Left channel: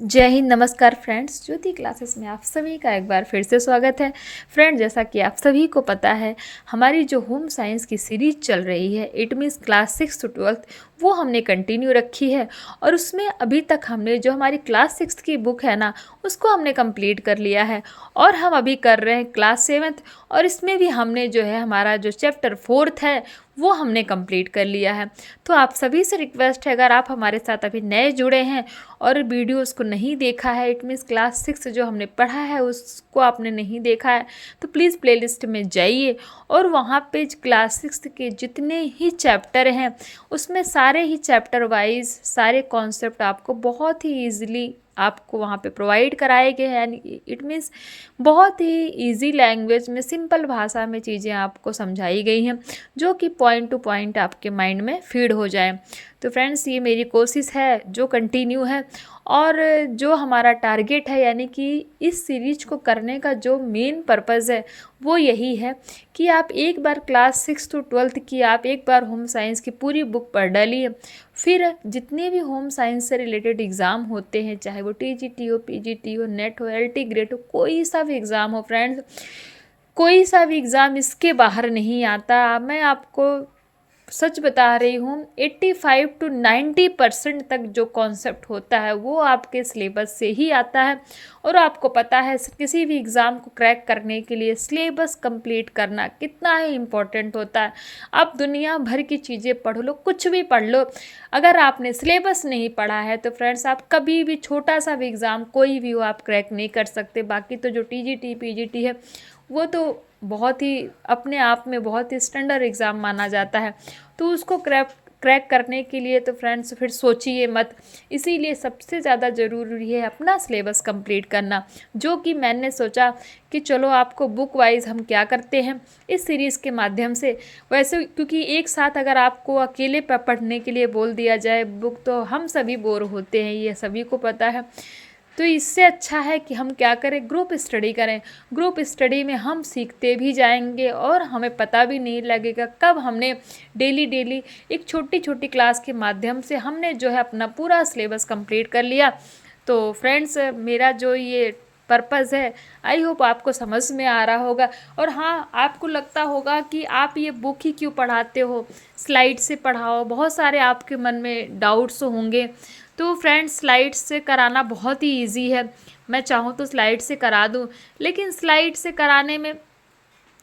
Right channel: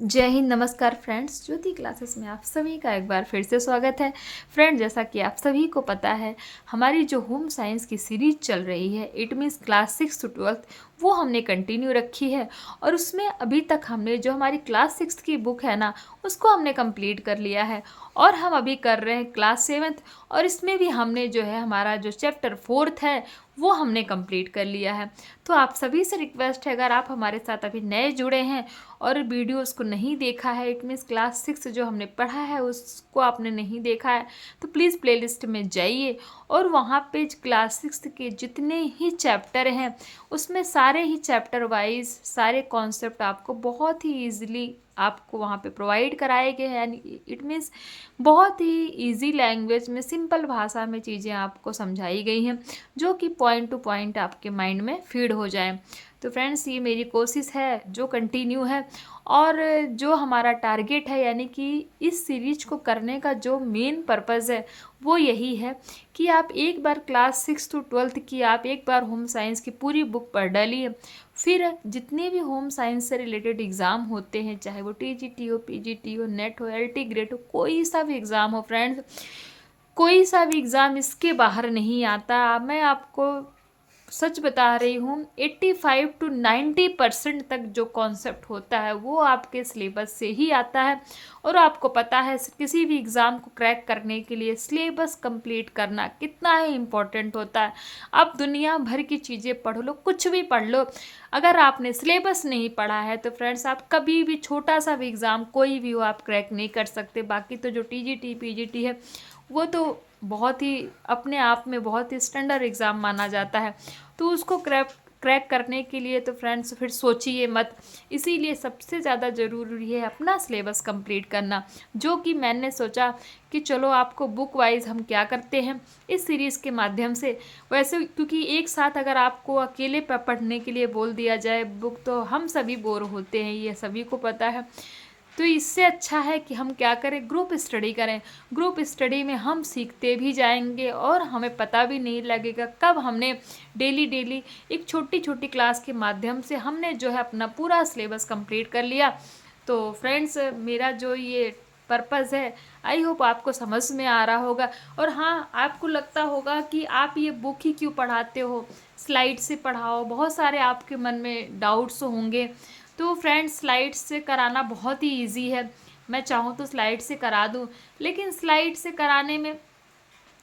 जय हिंद, नमस्कार फ्रेंड्स। ज्योति क्लासेस में आप सभी का एक बार फिर से स्वागत है। फ्रेंड, जैसा कि आप सभी को पता है, हमारी जो होम साइंस की सीरीज चल रही है, it means class 6 to 12th, वो हमने कंटिन्यू रखी है। और उसमें अभी तक हमने जो हमारी क्लास 6 की बुक है ना, उसको हमने कंप्लीट कर लिया है। और हम अभी कर रहे हैं क्लास 7th, और इसमें भी हमने जो है हमारा जो चैप्टर 4th है वो हमने कंप्लीट कर लिया है। तो आप सभी से रिक्वेस्ट है, अगर आप हमारे साथ अभी नए जुड़े हैं और वीडियोस को नहीं देखा है, इट मीन्स क्लास 6 जो हमने पढ़ा है उसको आपने नहीं देखा है, तो प्लीज़ प्लेलिस्ट में जाइए और वहाँ पे क्लास 6 के जितने ही चैप्टर हैं उसमें सारे ही चैप्टर वाइज सारे कॉन्सेप्ट आपको बहुत ही ईजिली आपको वहाँ पे प्रोवाइड कराए गए हैं। यानी इट मीन्स बहुत ही इजी लैंग्वेज में, सिंपल भाषा में चीज़ें आपको समझाई गई हैं जो कि पॉइंट टू पॉइंट आपके माइंड में फीड हो जाए। तो फ्रेंड्स, ये मेरी कोशिश है जो कंटिन्यू है, और जो हमारा टारगेट है, यानी कि इस सीरीज को करने का जो मेन पर्पज़ है वो यही है कि आप एक बार क्लास 6 to 12th की आप एक बार होम साइंस की पूरी बुक पढ़ डालिए। फिर जितने भी होम साइंस से रिलेटेड एग्ज़ाम होते हैं, चाहे वो टीजीटी हो, पीजीटी हो, नेट हो, एलटी ग्रेड हो, कोई सा भी एग्ज़ाम हो फ्रेंड्स, कोई सा भी एग्ज़ाम इसके बाहर नहीं आता। मैं आपको सच बता रही हूँ, 85 to 90% तक जो कॉन्सेप्ट होता है वो आपके सिलेबस से ही आता है। और आपको पता है किसी भी एग्ज़ाम को क्रैक करने के लिए सिलेबस कंप्लीट करना कितना ही इम्पोर्टेंट होता है। आप दुनिया भर की चीज़ें पढ़ लो, कुछ भी पढ़ लो, अगर आपने सिलेबस नहीं पढ़ा है तो फ्रेंड्स आप कभी भी छोटा सा भी एग्ज़ाम कोई भी हो आप क्रैक नहीं कर सकते। बाकी तो जो टीजीटी पीजीटी है वो तो बहुत ही अपने आप में बहुत ही स्टैंडर्ड एग्ज़ाम माना जाता है। तो उसको क्रैक करने के लिए तो फ्रेंड्स फिर सोचिए मत। इसीलिए सबसे ज़्यादा ज़रूरी है अपना सिलेबस कंप्लीट करना, जो कि मैंने सोचा कि चलो आपको बुक वाइज हम क्या करते हैं इस सीरीज़ के माध्यम से। वैसे क्योंकि एक साथ अगर आपको अकेले पढ़ने के लिए बोल दिया जाए बुक, तो हम सभी बोर होते हैं, ये सभी को पता है। तो इससे अच्छा है कि हम क्या करें, ग्रुप स्टडी करें। ग्रुप स्टडी में हम सीखते भी जाएंगे और हमें पता भी नहीं लगेगा कब हमने डेली डेली एक छोटी छोटी क्लास के माध्यम से हमने जो है अपना पूरा सिलेबस कंप्लीट कर लिया। तो फ्रेंड्स, मेरा जो ये पर्पज़ है, आई होप आपको समझ में आ रहा होगा। और हाँ, आपको लगता होगा कि आप ये बुक ही क्यों पढ़ाते हो, स्लाइड से पढ़ाओ, बहुत सारे आपके मन में डाउट्स होंगे। तो फ्रेंड्स, स्लाइड से कराना बहुत ही इजी है। मैं चाहूँ तो स्लाइड से करा दूँ, लेकिन स्लाइड से कराने में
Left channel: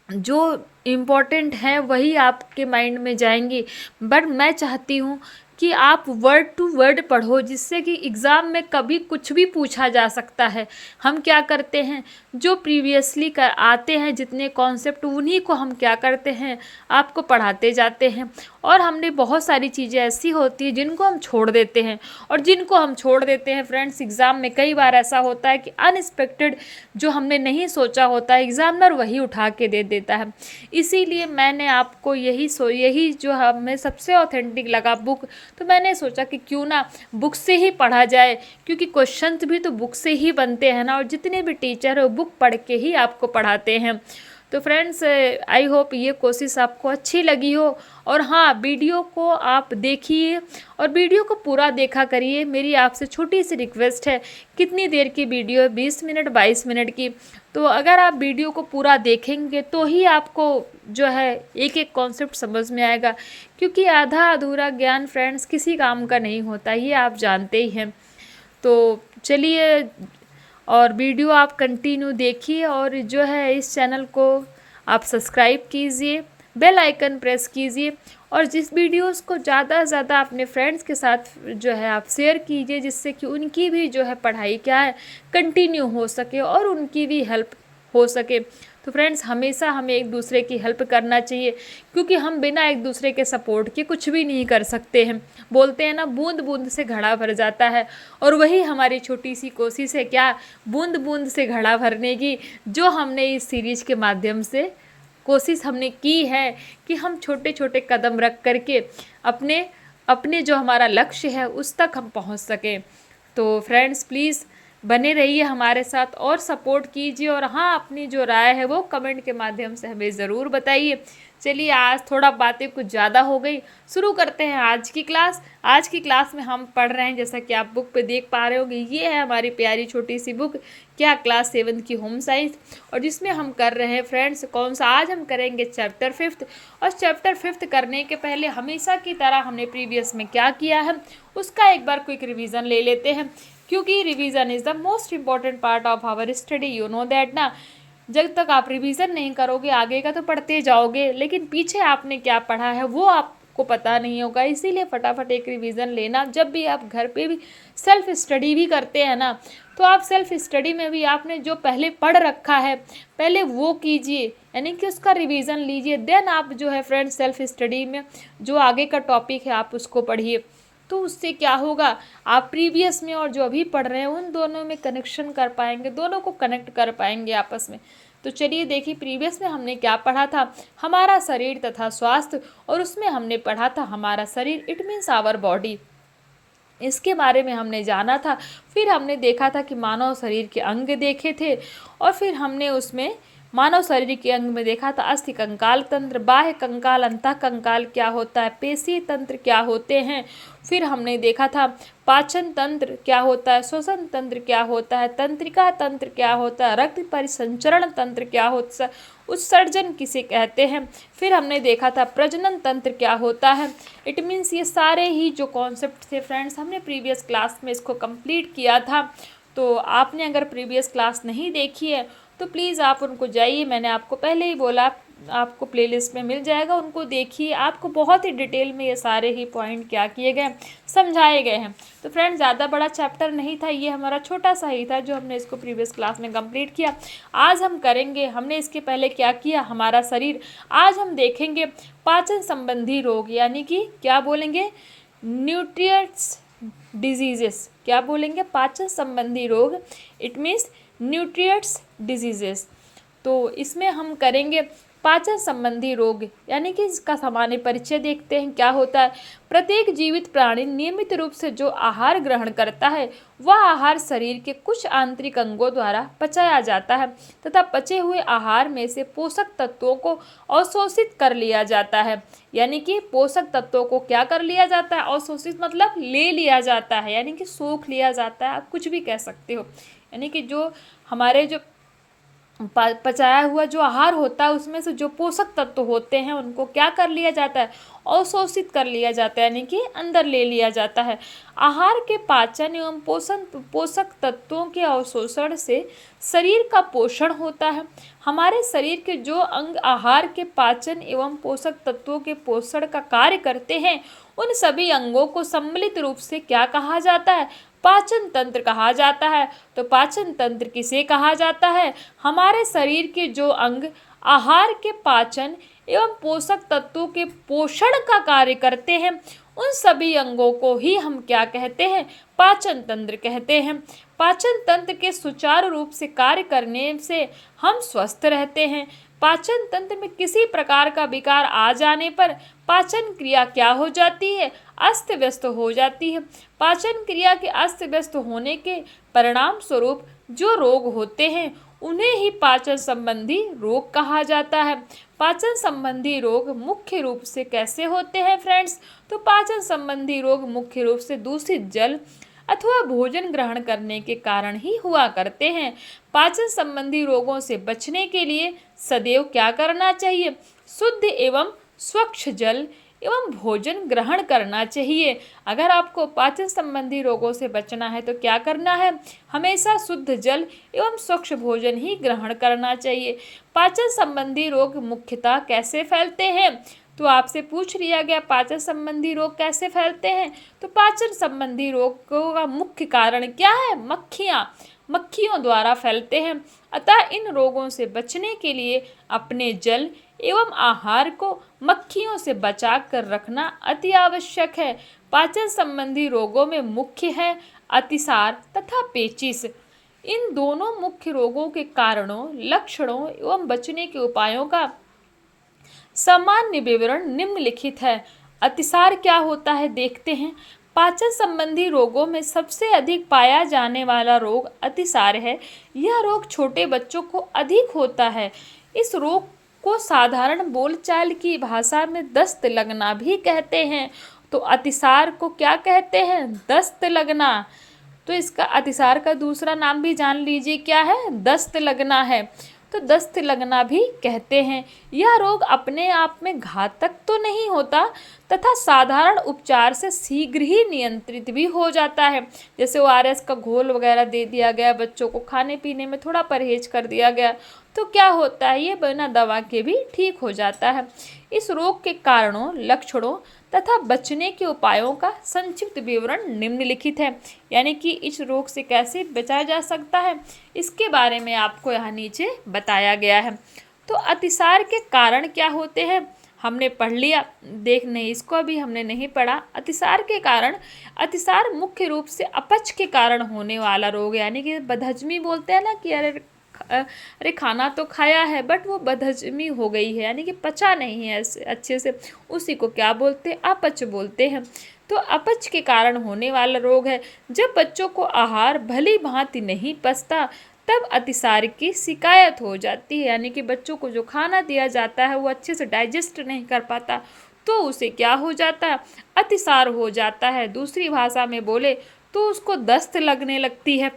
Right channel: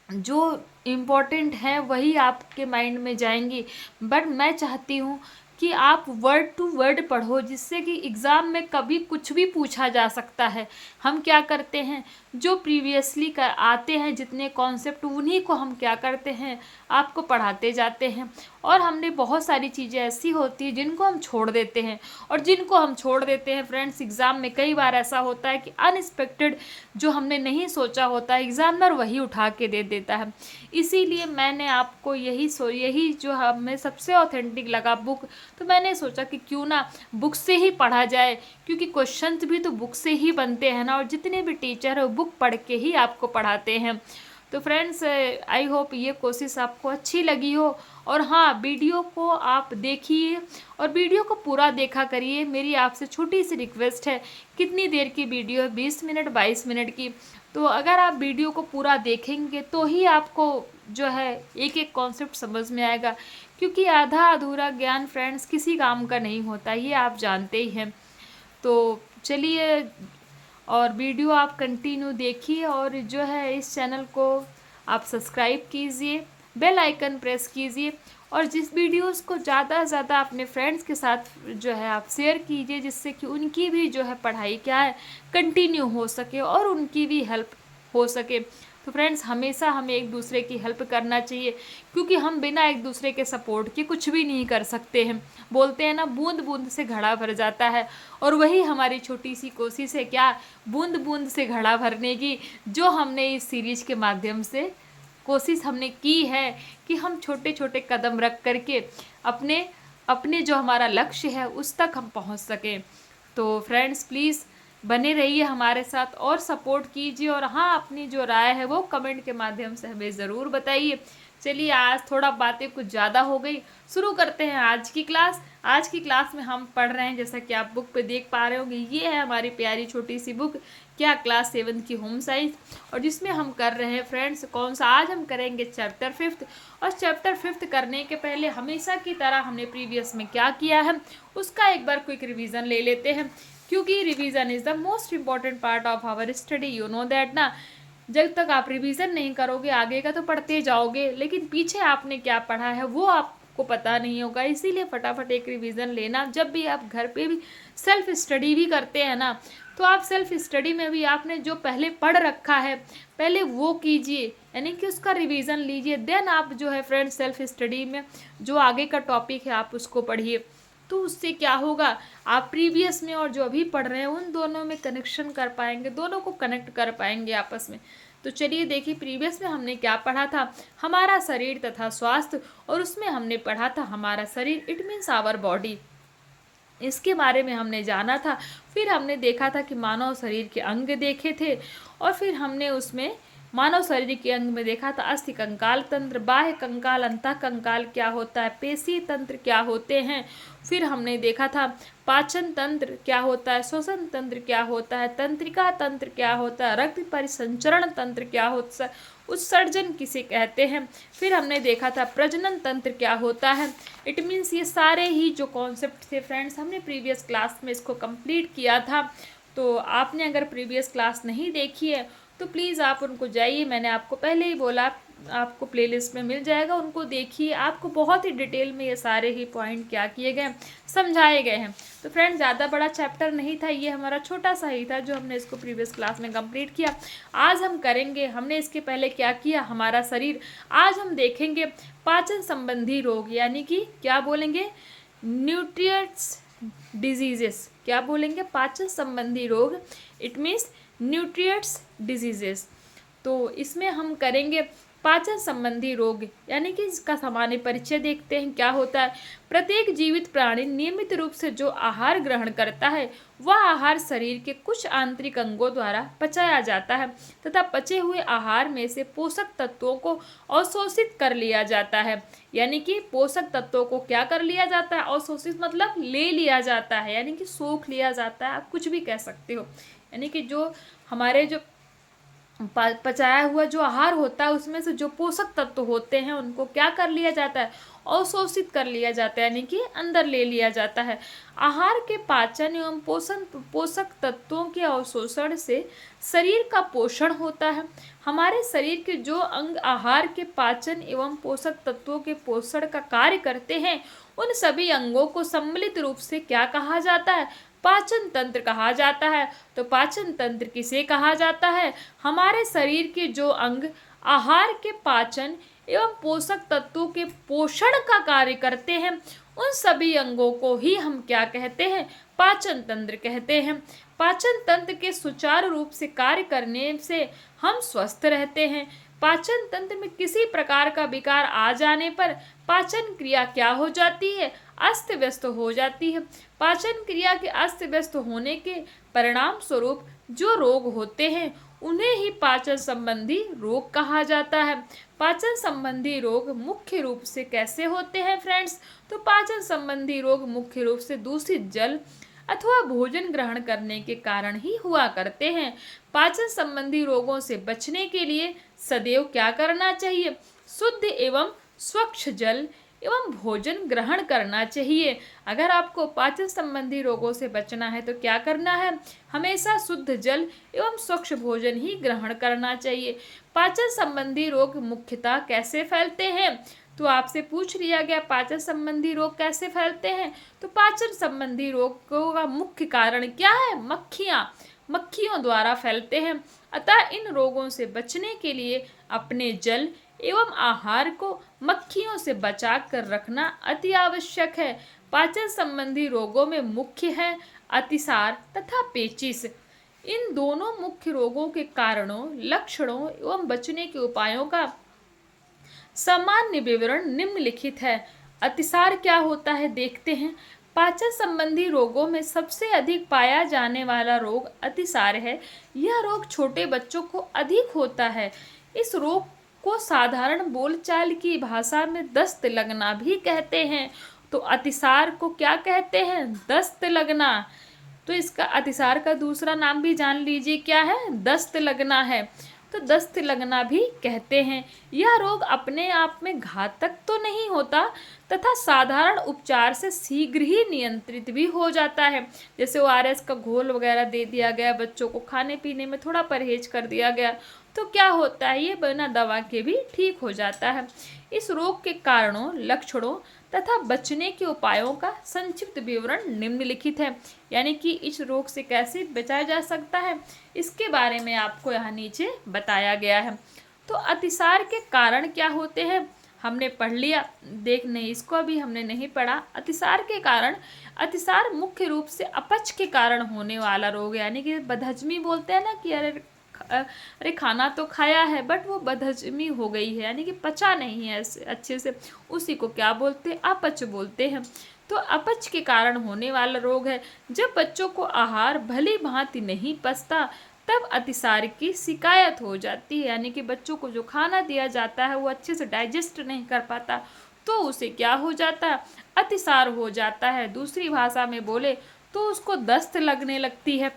जो इम्पोर्टेंट है वही आपके माइंड में जाएंगी। बट मैं चाहती हूँ कि आप वर्ड टू वर्ड पढ़ो, जिससे कि एग्ज़ाम में कभी कुछ भी पूछा जा सकता है। हम क्या करते हैं, जो प्रीवियसली आते हैं जितने कॉन्सेप्ट, उन्हीं को हम क्या करते हैं, आपको पढ़ाते जाते हैं। और हमने बहुत सारी चीज़ें ऐसी होती है जिनको हम छोड़ देते हैं, और जिनको हम छोड़ देते हैं फ्रेंड्स, एग्ज़ाम में कई बार ऐसा होता है कि अनएक्सपेक्टेड जो हमने नहीं सोचा होता है एग्ज़ामिनर वही उठा के दे देता है। इसीलिए मैंने आपको यही जो हमें सबसे ऑथेंटिक लगा बुक, तो मैंने सोचा कि क्यों ना बुक से ही पढ़ा जाए, क्योंकि क्वेश्चंस भी तो बुक से ही बनते हैं ना, और जितने भी टीचर है वो बुक पढ़ के ही आपको पढ़ाते हैं। तो फ्रेंड्स, आई होप ये कोशिश आपको अच्छी लगी हो। और हाँ, वीडियो को आप देखिए और वीडियो को पूरा देखा करिए। मेरी आपसे छोटी सी रिक्वेस्ट है, कितनी देर की वीडियो है, 20 मिनट 22 मिनट की, तो अगर आप वीडियो को पूरा देखेंगे तो ही आपको जो है एक एक कॉन्सेप्ट समझ में आएगा। क्योंकि आधा अधूरा ज्ञान फ्रेंड्स किसी काम का नहीं होता, ये आप जानते ही हैं। तो चलिए, और वीडियो आप कंटिन्यू देखिए, और जो है इस चैनल को आप सब्सक्राइब कीजिए, बेल आइकन प्रेस कीजिए, और जिस वीडियोस को ज़्यादा से ज़्यादा अपने फ्रेंड्स के साथ जो है आप शेयर कीजिए, जिससे कि उनकी भी जो है पढ़ाई क्या है कंटिन्यू हो सके और उनकी भी हेल्प हो सके। तो फ्रेंड्स, हमेशा हमें एक दूसरे की हेल्प करना चाहिए, क्योंकि हम बिना एक दूसरे के सपोर्ट के कुछ भी नहीं कर सकते हैं। बोलते हैं ना, बूंद बूंद से घड़ा भर जाता है, और वही हमारी छोटी सी कोशिश है, क्या, बूंद बूंद से घड़ा भरने की, जो हमने इस सीरीज के माध्यम से कोशिश हमने की है कि हम छोटे छोटे कदम रख करके अपने अपने जो हमारा लक्ष्य है उस तक हम पहुंच सकें। तो फ्रेंड्स, प्लीज़ बने रहिए हमारे साथ और सपोर्ट कीजिए, और हाँ, अपनी जो राय है वो कमेंट के माध्यम से हमें ज़रूर बताइए। चलिए, आज थोड़ा बातें कुछ ज़्यादा हो गई, शुरू करते हैं आज की क्लास। आज की क्लास में हम पढ़ रहे हैं, जैसा कि आप बुक पे देख पा रहे होंगे, ये है हमारी प्यारी छोटी सी बुक क्या क्लास 7 की होम साइंस, और जिसमें हम कर रहे हैं फ्रेंड्स कौन सा, आज हम करेंगे चैप्टर 5। और चैप्टर 5 करने के पहले हमेशा की तरह हमने प्रीवियस में क्या किया है उसका एक बार क्विक रिवीजन ले लेते हैं, क्योंकि revision is the most important part of our study. You know that ना, जब तक आप रिवीजन नहीं करोगे आगे का तो पढ़ते जाओगे, लेकिन पीछे आपने क्या पढ़ा है वो आपको पता नहीं होगा। इसीलिए फटाफट एक रिवीजन लेना। जब भी आप घर पे भी सेल्फ स्टडी भी करते हैं ना, तो आप सेल्फ स्टडी में भी आपने जो पहले पढ़ रखा है पहले वो कीजिए, यानी कि उसका रिवीजन लीजिए। देन आप जो है फ्रेंड्स सेल्फ स्टडी में जो आगे का टॉपिक है आप उसको पढ़िए। तो उससे क्या होगा, आप प्रीवियस में और जो अभी पढ़ रहे हैं उन दोनों में कनेक्शन कर पाएंगे, दोनों को कनेक्ट कर पाएंगे आपस में। तो चलिए देखिए प्रीवियस में हमने क्या पढ़ा था, हमारा शरीर तथा स्वास्थ्य, और उसमें हमने पढ़ा था हमारा शरीर इट मीन्स आवर बॉडी, इसके बारे में हमने जाना था। फिर हमने देखा था कि मानव शरीर के अंग देखे थे, और फिर हमने उसमें मानव शरीर के अंग में देखा था अस्थि कंकाल तंत्र, बाह्य कंकाल, अंतः कंकाल क्या होता है, पेशी तंत्र क्या होते हैं। फिर हमने देखा था पाचन तंत्र क्या होता है, श्वसन तंत्र क्या होता है, तंत्रिका तंत्र क्या होता है, रक्त परिसंचरण तंत्र क्या होता है, उत्सर्जन किसे कहते हैं। फिर हमने देखा था प्रजनन तंत्र क्या होता है। इट मीन्स ये सारे ही जो कॉन्सेप्ट थे फ्रेंड्स हमने प्रीवियस क्लास में इसको कंप्लीट किया था। तो आपने अगर प्रीवियस क्लास नहीं देखी है तो प्लीज़ आप उनको जाइए, मैंने आपको पहले ही बोला आपको प्लेलिस्ट में मिल जाएगा, उनको देखिए। आपको बहुत ही डिटेल में ये सारे ही पॉइंट क्या किए गए समझाए गए हैं। तो फ्रेंड्स ज़्यादा बड़ा चैप्टर नहीं था, ये हमारा छोटा सा ही था जो हमने इसको प्रीवियस क्लास में कंप्लीट किया। आज हम करेंगे, हमने इसके पहले क्या किया, हमारा शरीर। आज हम देखेंगे पाचन संबंधी रोग, यानी कि क्या बोलेंगे, न्यूट्रिएंट्स डिजीजेस। क्या बोलेंगे, पाचन संबंधी रोग, इट मीन्स न्यूट्रिएंट्स डिजीजेस। तो इसमें हम करेंगे पाचन संबंधी रोग, यानी कि इसका सामान्य परिचय देखते हैं क्या होता है। प्रत्येक जीवित प्राणी नियमित रूप से जो आहार ग्रहण करता है वह आहार शरीर के कुछ आंतरिक अंगों द्वारा पचाया जाता है तथा पचे हुए आहार में से पोषक तत्वों को अवशोषित कर लिया जाता है। यानी कि पोषक तत्वों को क्या कर लिया जाता है, अवशोषित मतलब ले लिया जाता है, यानी कि सोख लिया जाता है, आप कुछ भी कह सकते हो। यानी कि जो हमारे जो पचाया हुआ जो आहार होता है उसमें से जो पोषक तत्व होते हैं उनको क्या कर लिया जाता है, अवशोषित कर लिया जाता है, यानी कि अंदर ले लिया जाता है। आहार के पाचन एवं पोषक तत्वों के अवशोषण से शरीर का पोषण होता है। हमारे शरीर के जो अंग आहार के पाचन एवं पोषक तत्वों के पोषण का कार्य करते हैं उन सभी अंगों को सम्मिलित रूप से क्या कहा जाता है, पाचन तंत्र कहा जाता है। तो पाचन तंत्र किसे कहा जाता है, हमारे शरीर के जो अंग आहार के पाचन एवं पोषक तत्वों के पोषण का कार्य करते हैं उन सभी अंगों को ही हम क्या कहते हैं, पाचन तंत्र कहते हैं। पाचन तंत्र के सुचारू रूप से कार्य करने से हम स्वस्थ रहते हैं। पाचन तंत्र में किसी प्रकार का विकार आ जाने पर पाचन क्रिया क्या हो जाती है, अस्त व्यस्त हो जाती है। पाचन क्रिया के अस्त व्यस्त होने के परिणाम स्वरूप जो रोग होते हैं उन्हें ही पाचन संबंधी रोग कहा जाता है। पाचन संबंधी रोग मुख्य रूप से कैसे होते हैं फ्रेंड्स, तो पाचन संबंधी रोग मुख्य रूप से दूषित जल अथवा भोजन ग्रहण करने के कारण ही हुआ करते हैं। पाचन संबंधी रोगों से बचने के लिए सदैव क्या करना चाहिए, शुद्ध एवं स्वच्छ जल एवं भोजन ग्रहण करना चाहिए। अगर आपको पाचन संबंधी रोगों से बचना है तो क्या करना है, हमेशा शुद्ध जल एवं स्वच्छ भोजन ही ग्रहण करना चाहिए। पाचन संबंधी रोग मुख्यतः कैसे फैलते हैं, तो आपसे पूछ लिया गया पाचन संबंधी रोग कैसे फैलते हैं, तो पाचन संबंधी रोगों का मुख्य कारण क्या है, मक्खियों द्वारा फैलते हैं। अतः इन रोगों से बचने के लिए अपने जल एवं आहार को मक्खियों से बचा कर रखना अति आवश्यक है। पाचन संबंधी रोगों में मुख्य है अतिसार तथा पेचिश। इन दोनों मुख्य रोगों के कारणों, लक्षणों एवं बचने के उपायों का सामान्य विवरण निम्नलिखित है। अतिसार क्या होता है देखते हैं। पाचन संबंधी रोगों में सबसे अधिक पाया जाने वाला रोग अतिसार है। यह रोग छोटे बच्चों को अधिक होता है। इस रोग को साधारण बोलचाल की भाषा में दस्त लगना भी कहते हैं। तो अतिसार को क्या कहते हैं? दस्त लगना। तो इसका अतिसार का दूसरा नाम भी जान लीजिए, क्या है? दस्त लगना है। तो दस्त लगना भी कहते हैं। यह रोग अपने आप में घातक तो नहीं होता तथा साधारण उपचार से शीघ्र ही नियंत्रित भी हो जाता है। जैसे ORS का घोल वगैरह दे दिया गया, बच्चों को खाने पीने में थोड़ा परहेज कर दिया गया, तो क्या होता है, ये बिना दवा के भी ठीक हो जाता है। इस रोग के कारणों, लक्षणों तथा बचने के उपायों का संक्षिप्त विवरण निम्नलिखित है। यानी कि इस रोग से कैसे बचाया जा सकता है, इसके बारे में आपको यहाँ नीचे बताया गया है। तो अतिसार के कारण क्या होते हैं हमने पढ़ लिया, देख नहीं, इसको अभी हमने नहीं पढ़ा। अतिसार के कारण, अतिसार मुख्य रूप से अपच के कारण होने वाला रोग, यानी कि बदहजमी बोलते हैं ना कि अरे खाना तो खाया है बट वो बदहजमी हो गई है, यानी कि पचा नहीं है अच्छे से, उसी को क्या बोलते हैं? अपच बोलते हैं। तो अपच के कारण होने वाला रोग है। जब बच्चों को आहार भली भांति नहीं पचता तब अतिसार की शिकायत हो जाती है, यानी कि बच्चों को जो खाना दिया जाता है वो अच्छे से डाइजेस्ट नहीं कर पाता, तो उसे क्या हो जाता है? अतिसार हो जाता है। दूसरी भाषा में बोले तो उसको दस्त लगने लगती है।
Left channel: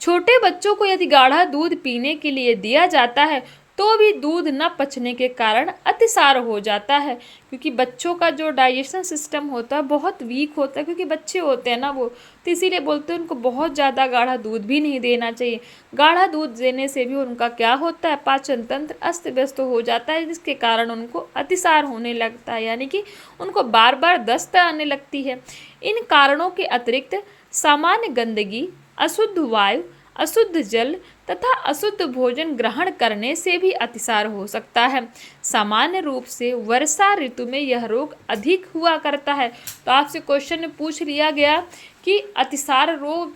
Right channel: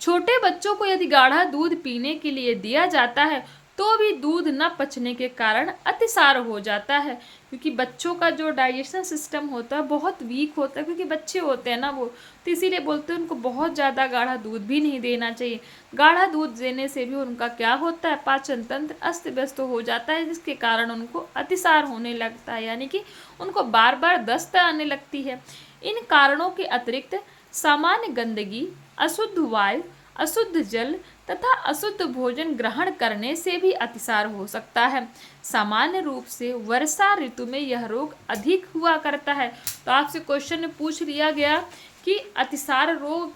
छोटे बच्चों को यदि गाढ़ा दूध पीने के लिए दिया जाता है तो भी दूध न पचने के कारण अतिसार हो जाता है, क्योंकि बच्चों का जो डाइजेशन सिस्टम होता है बहुत वीक होता है, क्योंकि बच्चे होते हैं ना वो, तो इसीलिए बोलते हैं उनको बहुत ज़्यादा गाढ़ा दूध भी नहीं देना चाहिए। गाढ़ा दूध देने से भी उनका क्या होता है? पाचन तंत्र अस्त व्यस्त हो जाता है, जिसके कारण उनको अतिसार होने लगता है, यानी कि उनको बार बार दस्त आने लगती है। इन कारणों के अतिरिक्त सामान्य गंदगी, अशुद्ध वायु, अशुद्ध जल तथा अशुद्ध भोजन ग्रहण करने से भी अतिसार हो सकता है। सामान्य रूप से वर्षा ऋतु में यह रोग अधिक हुआ करता है। तो आपसे क्वेश्चन में पूछ लिया गया कि अतिसार रोग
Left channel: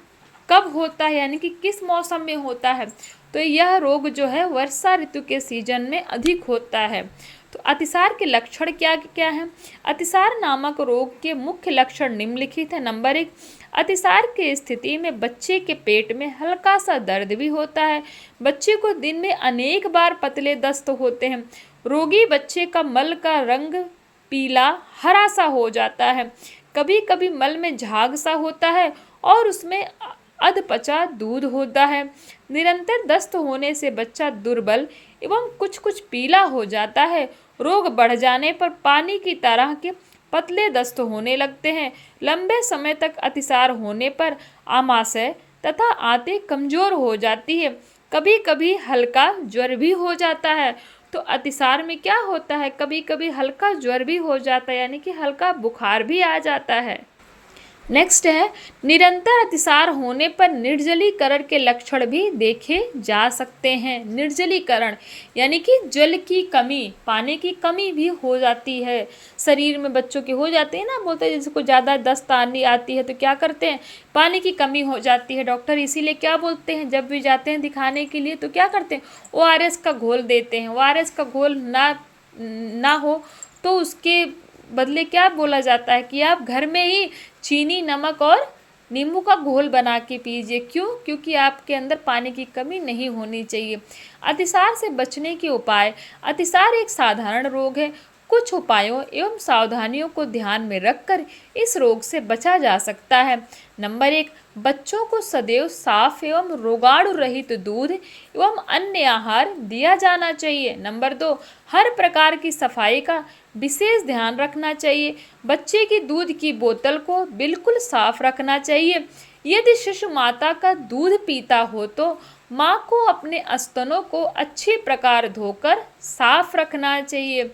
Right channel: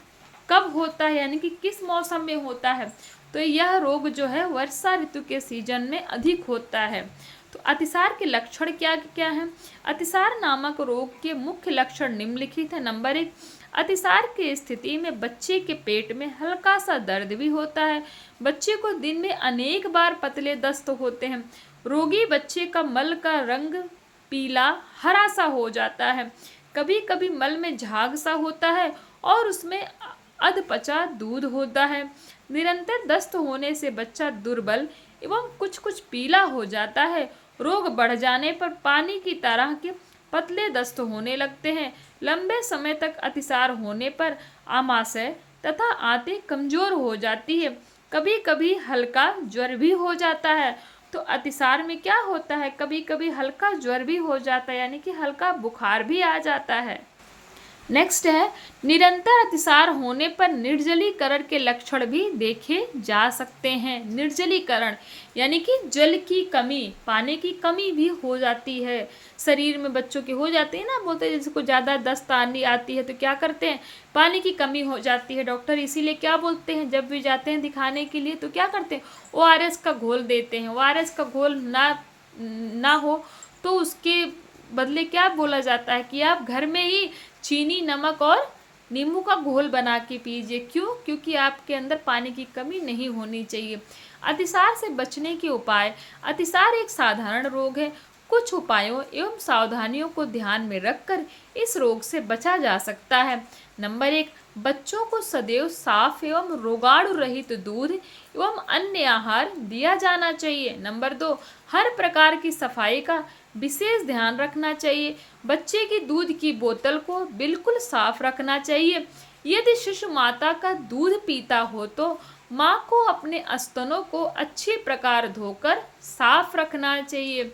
कब होता है, यानी कि किस मौसम में होता है, तो यह रोग जो है वर्षा ऋतु के सीजन में अधिक होता है। तो अतिसार के लक्षण क्या क्या हैं? अतिसार नामक रोग के मुख्य लक्षण निम्नलिखित है। नंबर 1, अतिसार की स्थिति में बच्चे के पेट में हल्का सा दर्द भी होता है। बच्चे को दिन में अनेक बार पतले दस्त होते हैं। रोगी बच्चे का मल का रंग पीला हरा सा हो जाता है। कभी कभी मल में झाग सा होता है और उसमें अधपचा दूध होता है। निरंतर दस्त होने से बच्चा दुर्बल एवं कुछ कुछ पीला हो जाता है। रोग बढ़ जाने पर पानी की तरह के पतले दस्त होने लगते हैं। लंबे समय तक अतिसार होने पर आमाशय तथा आंतें कमजोर हो जाती है। कभी कभी हल्का ज्वर भी हो जाता है। तो अतिसार में क्या होता है? कभी कभी हल्का ज्वर भी हो जाता है, यानी कि हल्का बुखार भी आ जाता है। नेक्स्ट है, निरंतर अतिसार होने पर निर्जलीकरण के लक्षण भी देखे जा सकते हैं। निर्जलीकरण यानी कि जल की कमी, पानी की कमी भी हो जाती है शरीर में, बच्चों के हो जाते हैं ना, बोलते हैं जिसको ज़्यादा दस्त आती है तो क्या करते हैं? पानी की कमी हो जाती है। डॉक्टर इसीलिए क्या बोलते हैं, जब भी जाते हैं दिखाने के लिए तो क्या करते हैं? ORS का घोल देते हैं। ORS का घोल ना हो तो उसके बदले क्या बोला जाता है कि आप घर में ही चीनी, नमक और नींबू का घोल बना के पीजिए। क्यों? क्योंकि आपके अंदर पानी की कमी नहीं होनी चाहिए। अतिसार से बचने के उपाय। अतिसार एक साधारण रोग है। कुछ उपायों एवं सावधानियों को ध्यान में रखकर इस रोग से बचा जा सकता है। नंबर 1, बच्चों को सदैव साफ एवं रोगाणु रहित दूध एवं अन्य आहार दिया जाना चाहिए। नंबर 2, हर प्रकार की सफाई का विशेष ध्यान रखना चाहिए। बच्चे की दूध की बोतल को बिल्कुल साफ रखना चाहिए। यदि शिशु माता का दूध पीता हो तो माँ को अपने स्तनों को अच्छी प्रकार धोकर साफ रखना चाहिए।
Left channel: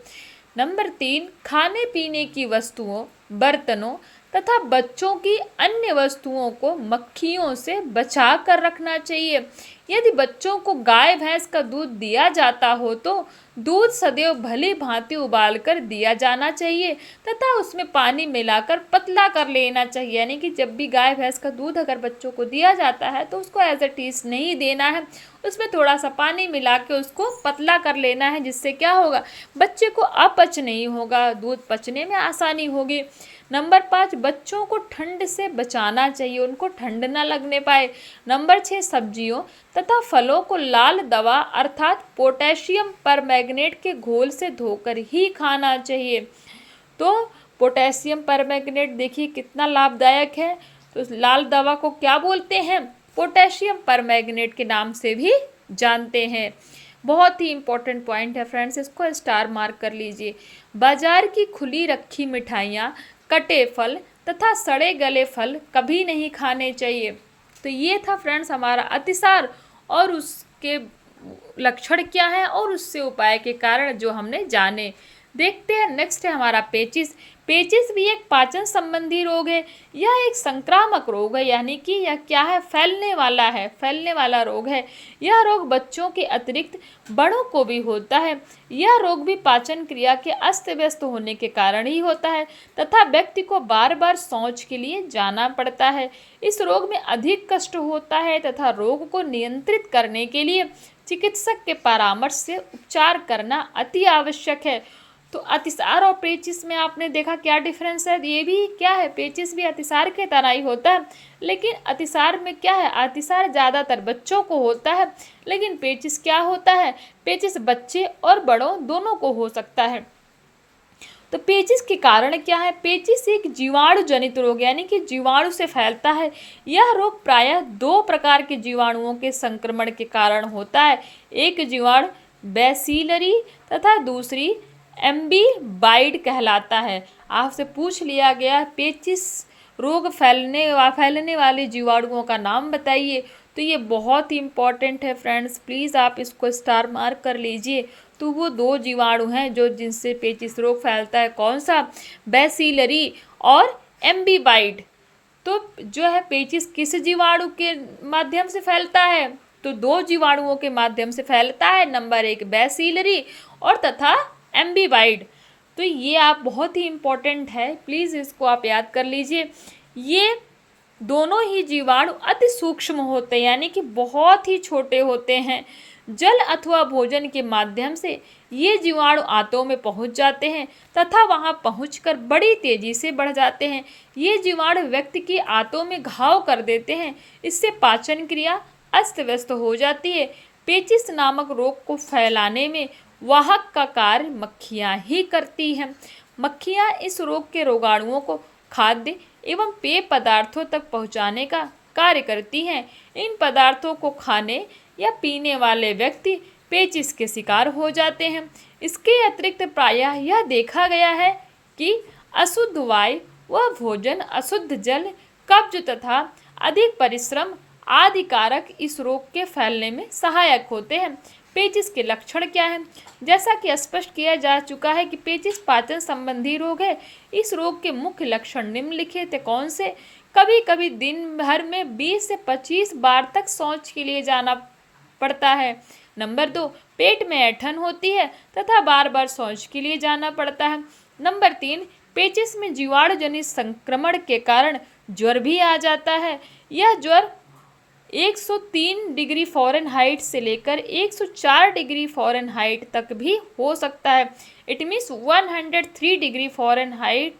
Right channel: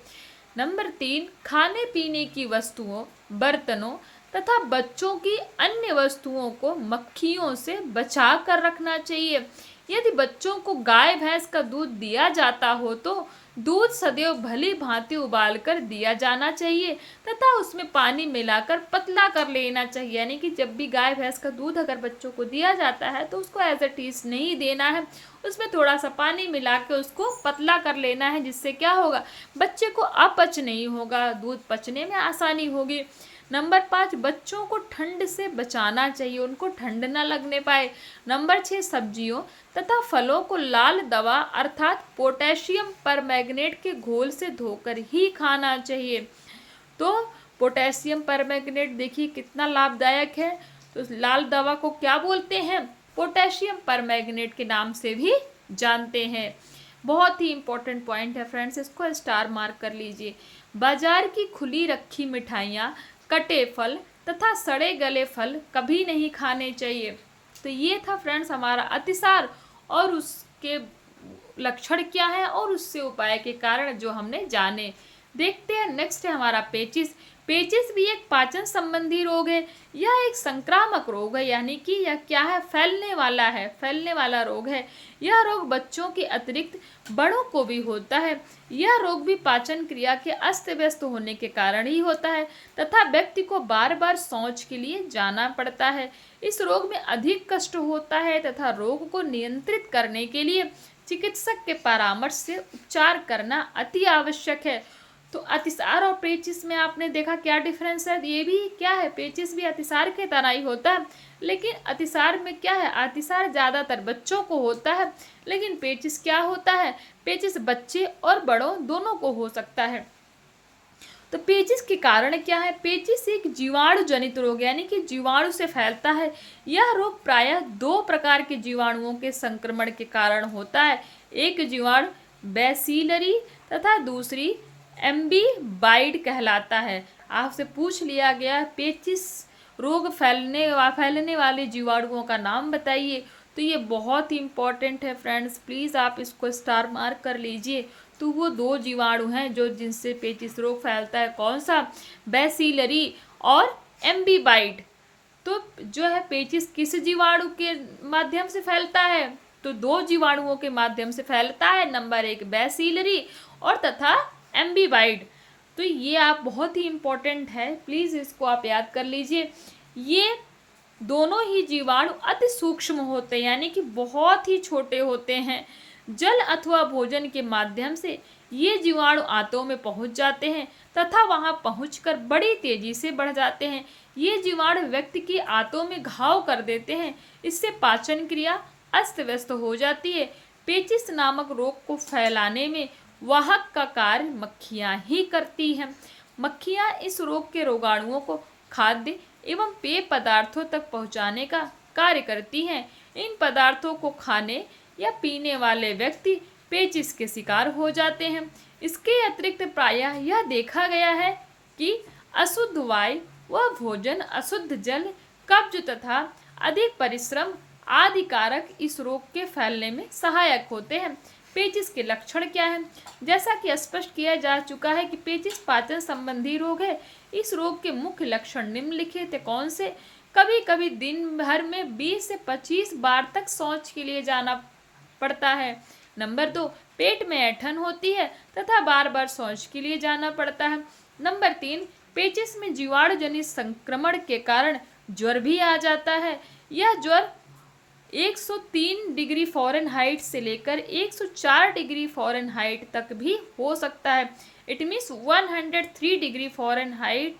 नंबर 3, खाने पीने की वस्तुओं, बर्तनों तथा बच्चों की अन्य वस्तुओं को मक्खियों से बचा कर रखना चाहिए। यदि बच्चों को गाय भैंस का दूध दिया जाता हो तो दूध सदैव भली भांति उबाल कर दिया जाना चाहिए तथा उसमें पानी मिलाकर पतला कर लेना चाहिए। यानी कि जब भी गाय भैंस का दूध अगर बच्चों को दिया जाता है तो उसको एज इट इज नहीं देना है, उसमें थोड़ा सा पानी मिला के उसको पतला कर लेना है, जिससे क्या होगा? बच्चे को अपच नहीं होगा, दूध पचने में आसानी होगी। नंबर 5, बच्चों को ठंड से बचाना चाहिए, उनको ठंड ना लगने पाए। नंबर 6, सब्जियों तथा फलों को लाल दवा अर्थात पोटेशियम परमैंगनेट के घोल से धोकर ही खाना चाहिए। तो पोटेशियम परमैंगनेट देखिए कितना लाभदायक है। तो लाल दवा को क्या बोलते हैं? पोटेशियम परमैंगनेट के नाम से भी जानते हैं। बहुत ही इंपॉर्टेंट पॉइंट है फ्रेंड्स, इसको स्टार मार्क कर लीजिए। बाजार की खुली रखी मिठाइयाँ, कटे फल तथा सड़े गले फल कभी नहीं खाने चाहिए। तो ये था फ्रेंड्स हमारा अतिसार और उसके लक्षण क्या है और उससे उपाय के कारण जो हमने जाने। देखते हैं नेक्स्ट है हमारा पेचिस। पेचिस भी एक पाचन संबंधी रोग है। यह एक संक्रामक रोग है, यानी कि यह क्या है? फैलने वाला है, फैलने वाला रोग है। यह रोग बच्चों के अतिरिक्त बड़ों को भी होता है। यह रोग भी पाचन क्रिया के अस्त व्यस्त होने के कारण ही होता है तथा व्यक्ति को बार बार शौच के लिए जाना पड़ता है। इस रोग में अधिक कष्ट होता है तथा रोग को नियंत्रित करने के लिए चिकित्सक के परामर्श से उपचार करना अति आवश्यक है। तो अतिसार और पेचिस में आपने देखा क्या डिफरेंस है? ये भी क्या है? पेचिस भी अतिसार के तरह ही होता है, लेकिन अतिसार में क्या है? अतिसार ज़्यादातर बच्चों को होता है, लेकिन पेचिस क्या होता है? पेचिस बच्चे और बड़ों दोनों को हो सकता है। तो पेचिस के कारण क्या है? पेचिस एक जीवाणु जनित रोग यानी कि जीवाणु से फैलता है। यह रोग प्रायः 2 प्रकार के जीवाणुओं के संक्रमण के कारण होता है। एक जीवाणु बैसिलरी तथा दूसरी एम्बीबाइड कहलाता है। आपसे पूछ लिया गया पेचिस रोग फैलने वाले जीवाणुओं का नाम बताइए, तो ये बहुत ही इंपॉर्टेंट है फ्रेंड्स, प्लीज़ आप इसको स्टार मार्क कर लीजिए। तो वो 2 जीवाणु हैं जो जिनसे पेचिस रोग फैलता है। कौन सा? बैसिलरी और एम्बीबाइड। तो जो है पेचिस किस जीवाणु के माध्यम से फैलता है? तो 2 जीवाणुओं के माध्यम से फैलता है। नंबर 1 बैसिलरी और तथा एम्बीबाइड। तो ये आप बहुत ही इम्पोर्टेंट है, प्लीज़ इसको आप याद कर लीजिए। ये दोनों ही जीवाणु अति सूक्ष्म होते हैं, यानी कि बहुत ही छोटे होते हैं। जल अथवा भोजन के माध्यम से ये जीवाणु आंतों में पहुंच जाते हैं तथा वहां पहुंचकर बड़ी तेजी से बढ़ जाते हैं। ये जीवाणु व्यक्ति की आंतों में घाव कर देते हैं। इससे पाचन क्रिया अस्त व्यस्त हो जाती है। पेचिस नामक रोग को फैलाने में वाहक का कार्य मक्खियाँ ही करती हैं। मक्खियाँ इस रोग के रोगाणुओं को खाद्य एवं पेय पदार्थों तक पहुँचाने का कार्य करती हैं। इन पदार्थों को खाने या पीने वाले व्यक्ति पेचिस के शिकार हो जाते हैं। इसके अतिरिक्त प्रायः यह देखा गया है कि अशुद्ध वायु व भोजन, अशुद्ध जल, कब्ज तथा अधिक परिश्रम आदि कारक इस रोग के फैलने में सहायक होते हैं। पेचिस के लक्षण क्या हैं? जैसा कि स्पष्ट किया जा चुका है कि पेचिस पाचन संबंधी रोग है। इस रोग के मुख्य लक्षण निम्नलिखित कौन से? कभी कभी दिन भर में 20 से 25 बार तक शौच के लिए जाना पड़ता है। नंबर 2 पेट में ऐंठन होती है तथा बार बार शौच के लिए जाना पड़ता है। नंबर 3 पेचिस में जीवाणु जनित संक्रमण के कारण ज्वर भी आ जाता है। यह ज्वर 103 डिग्री फ़ारेनहाइट से लेकर 104 डिग्री फ़ारेनहाइट तक भी हो सकता है। It means 103 degree Fahrenheit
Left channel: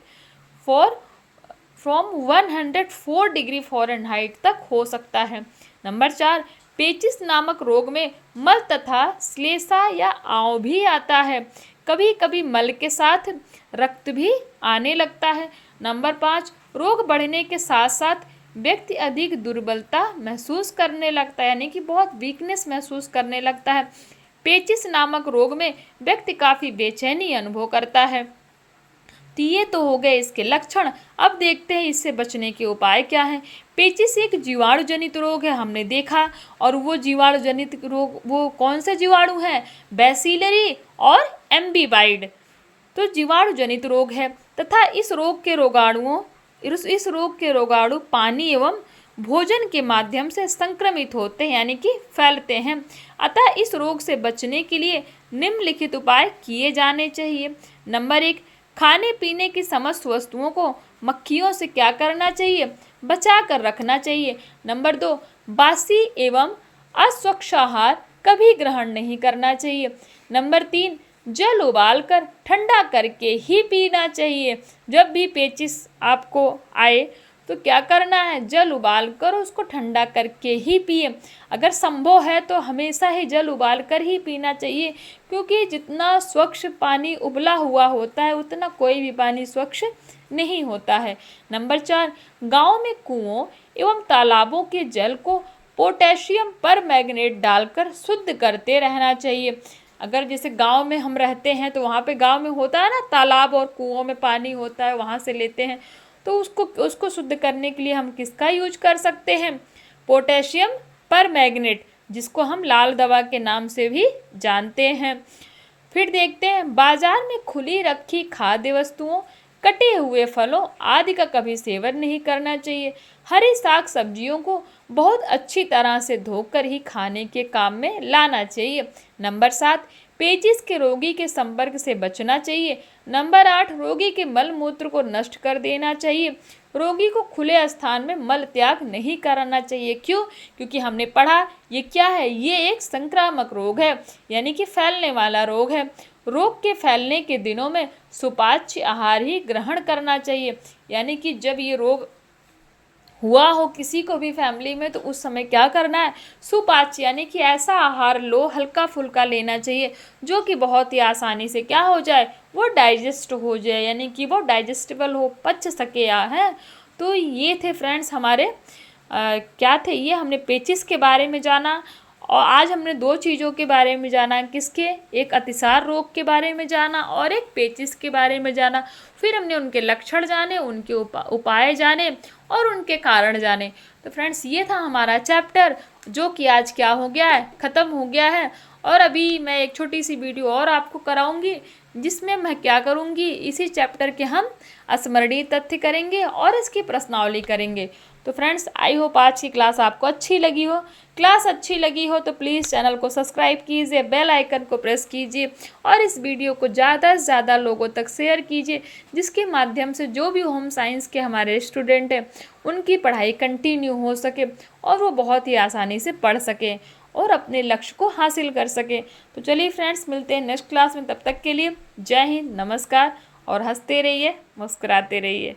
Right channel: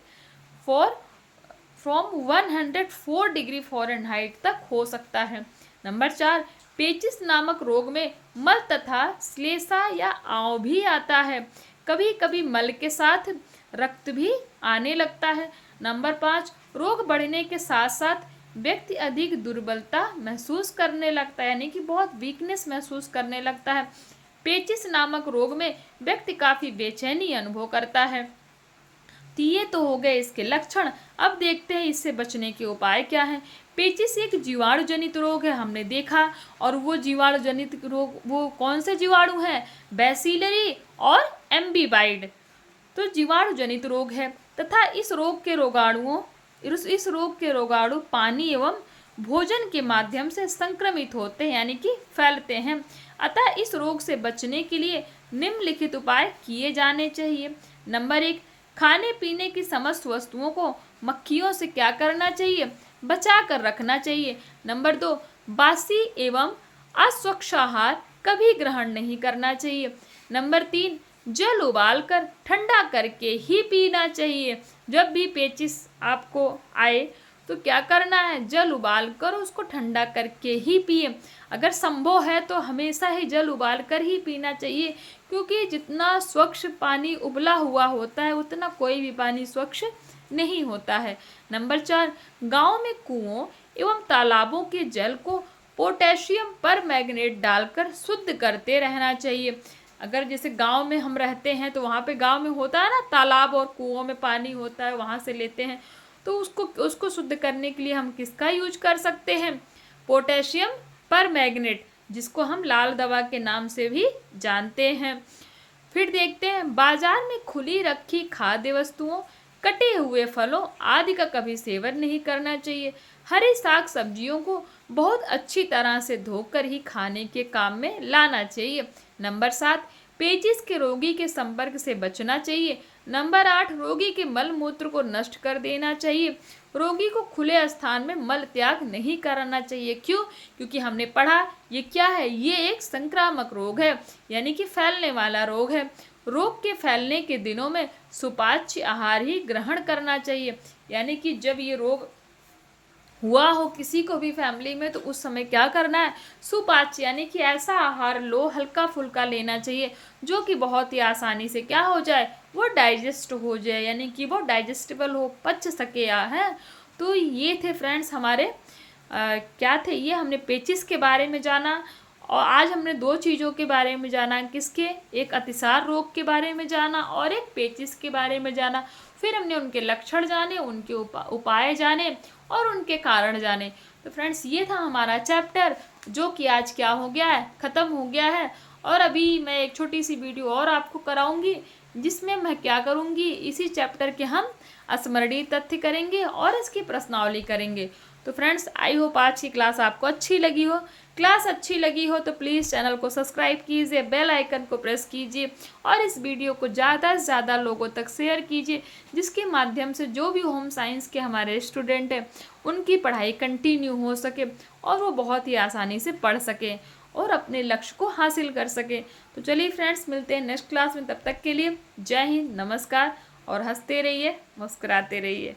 from 104 degree Fahrenheit तक हो सकता है। नंबर 4 पेचिस नामक रोग में मल तथा श्लेष्मा या आंव भी आता है। कभी कभी मल के साथ रक्त भी आने लगता है। नंबर 5 रोग बढ़ने के साथ साथ व्यक्ति अधिक दुर्बलता महसूस करने लगता है, यानी कि बहुत वीकनेस महसूस करने लगता है। पेचिस नामक रोग में व्यक्ति काफ़ी बेचैनी अनुभव करता है। तो ये तो हो गए इसके लक्षण। अब देखते हैं इससे बचने के उपाय क्या हैं। पेचिस एक जीवाणु जनित रोग है, हमने देखा, और वो जीवाणु जनित रोग वो कौन से जीवाणु हैं? बैसिलरी और एम्बीबाइड। तो जीवाणु जनित रोग है तथा इस रोग के रोगाणु पानी एवं भोजन के माध्यम से संक्रमित होते हैं, यानी कि फैलते हैं। अतः इस रोग से बचने के लिए निम्नलिखित उपाय किए जाने चाहिए। नंबर 1 खाने पीने की समस्त वस्तुओं को मक्खियों से क्या करना चाहिए? बचा कर रखना चाहिए। नंबर 2 बासी एवं अस्वच्छ आहार कभी ग्रहण नहीं करना चाहिए। नंबर 3 जल उबालकर ठंडा करके ही पीना चाहिए। जब भी पेचिस आपको आए तो क्या करना है? जल उबालकर उसको ठंडा करके ही पिए। अगर संभव है तो हमेशा ही जल उबालकर ही पीना चाहिए, क्योंकि जितना स्वच्छ पानी उबला हुआ होता है उतना कोई भी पानी स्वच्छ नहीं होता है। नंबर 4, गांव में कुओं एवं तालाबों के जल को पोटेशियम परमैंगनेट डालकर शुद्ध करते रहना चाहिए। अगर जैसे गांव में हम रहते हैं तो वहाँ पे गांव में होता है ना, तालाब और कुओं में पानी होता है, वहाँ से लेते हैं, तो उसको शुद्ध करने के लिए हम किसका यूज कर सकते हैं? पोटेशियम परमैंगनेट, जिसको हम लाल दवा के नाम से भी जानते हैं। फिर देखते हैं, बाजार में खुली रखी खाद्य वस्तुओं, कटे हुए फलों आदि का कभी सेवन नहीं करना चाहिए। हरी साग सब्जियों को बहुत अच्छी तरह से धोकर ही खाने के काम में लाना चाहिए। नंबर 7, पेचिश के रोगी के संपर्क से बचना चाहिए। नंबर 8, रोगी के मल मूत्र को नष्ट कर देना चाहिए। रोगी को खुले स्थान में मल त्याग नहीं करना चाहिए। क्यों? क्योंकि हमने पढ़ा ये क्या है, ये एक संक्रामक रोग है, यानी कि फैलने वाला रोग है। रोग के फैलने के दिनों में सुपाच्य आहार ही ग्रहण करना चाहिए, यानी कि जब ये रोग हुआ हो किसी को भी फैमिली में, तो उस समय क्या करना है? सुपाच्य यानी कि ऐसा आहार लो, हल्का फुल्का लेना चाहिए, जो कि बहुत ही आसानी से क्या हो जाए, वो डाइजेस्ट हो जाए, यानी कि वो डाइजेस्टेबल हो, पच सके है। तो ये थे फ्रेंड्स हमारे क्या थे, ये हमने पेचिस के बारे में जाना, और आज हमने 2 चीज़ों के बारे में जाना, किसके? एक अतिसार रोग के बारे में जाना और एक पेचिस के बारे में जाना। फिर हमने उनके लक्षण जाने, उनके उपाय जाने और उनके कारण जाने। तो फ्रेंड्स ये था हमारा चैप्टर, जो कि आज क्या हो गया है, ख़त्म हो गया है। और अभी मैं एक छोटी सी वीडियो और आपको कराऊंगी, जिसमें मैं क्या करूंगी, इसी चैप्टर के हम स्मरणीय तथ्य करेंगे और इसकी प्रश्नावली करेंगे। तो फ्रेंड्स आई होप आज की क्लास आपको अच्छी लगी हो। क्लास अच्छी लगी हो तो प्लीज़ चैनल को सब्सक्राइब कीजिए, बेल आइकन को प्रेस कीजिए और इस वीडियो को ज़्यादा से ज़्यादा लोगों तक शेयर कीजिए, जिसके माध्यम से जो भी होम साइंस के हमारे स्टूडेंट हैं उनकी पढ़ाई कंटिन्यू हो सके और वो बहुत ही आसानी से पढ़ सकें और अपने लक्ष्य को हासिल कर सकें। तो चलिए फ्रेंड्स, मिलते हैं नेक्स्ट क्लास में। तब तक के लिए जय हिंद, नमस्कार और हंसते रहिए, मुस्कुराते रहिए।